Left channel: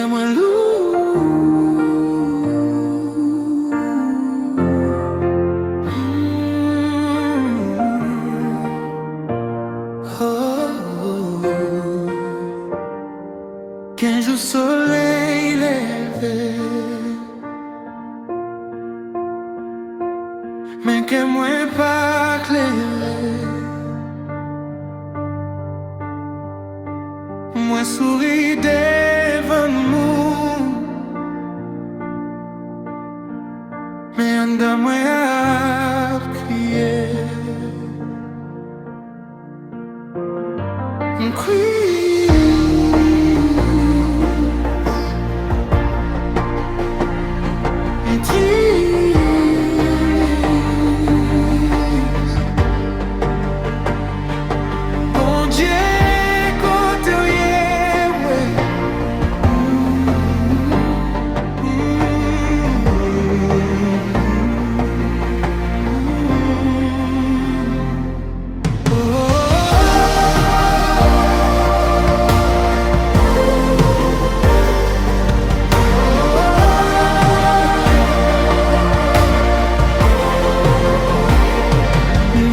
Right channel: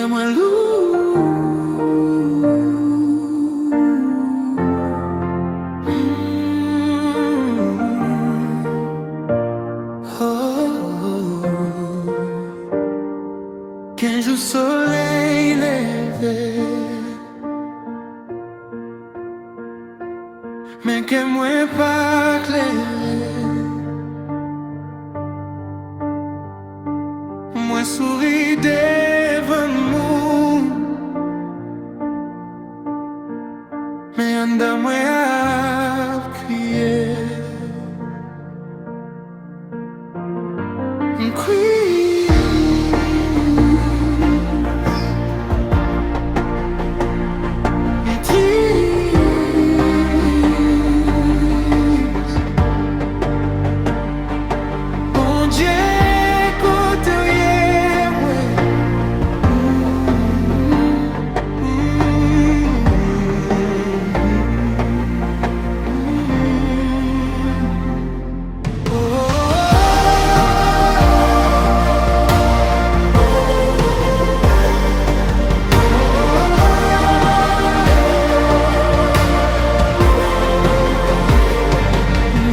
que moi lourd. Qu'un jour soleil levé, mais que moi pas clairé. Moi souris devant nous, mais en dedans moi a crié. Triste, bon Dieu, côté ouais.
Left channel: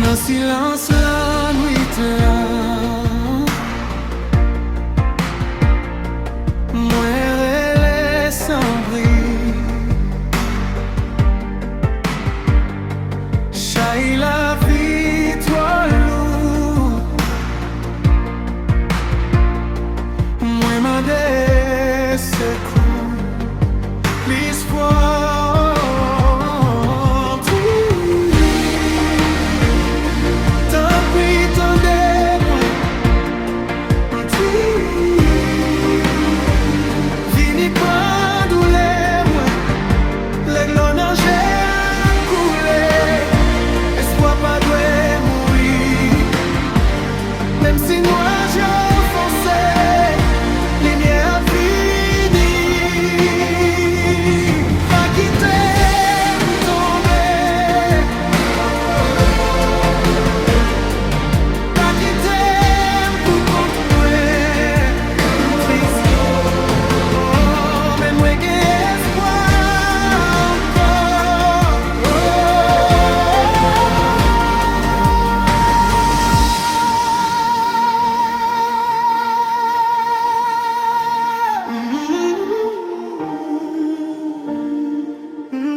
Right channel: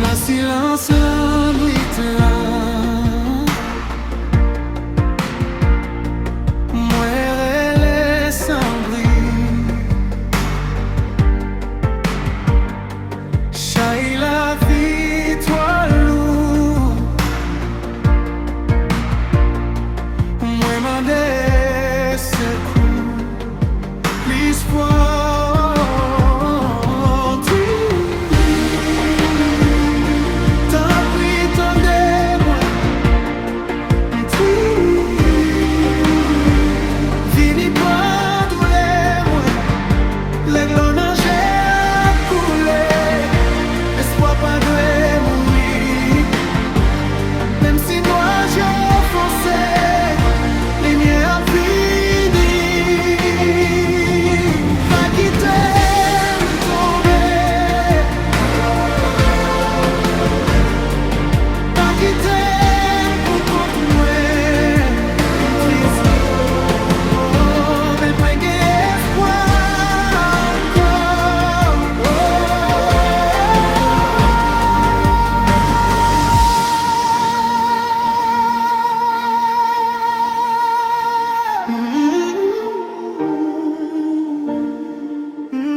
Dans silence la nuit là, moi elle sans bris. Chaille la vie toi lourd, moi m'a des secours, please fois. Pas doit mourir, même si moi j'ai foncé, lumière finie, pas quitter tomber, pas quitter pour continuer, triste, oh, mais moi j'ai espoir encore, oh.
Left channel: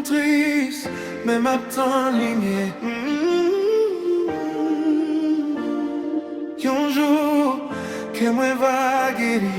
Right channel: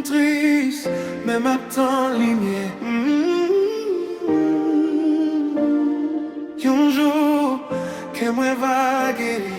Triste, même à temps lumière. Un jour que moi va guérir.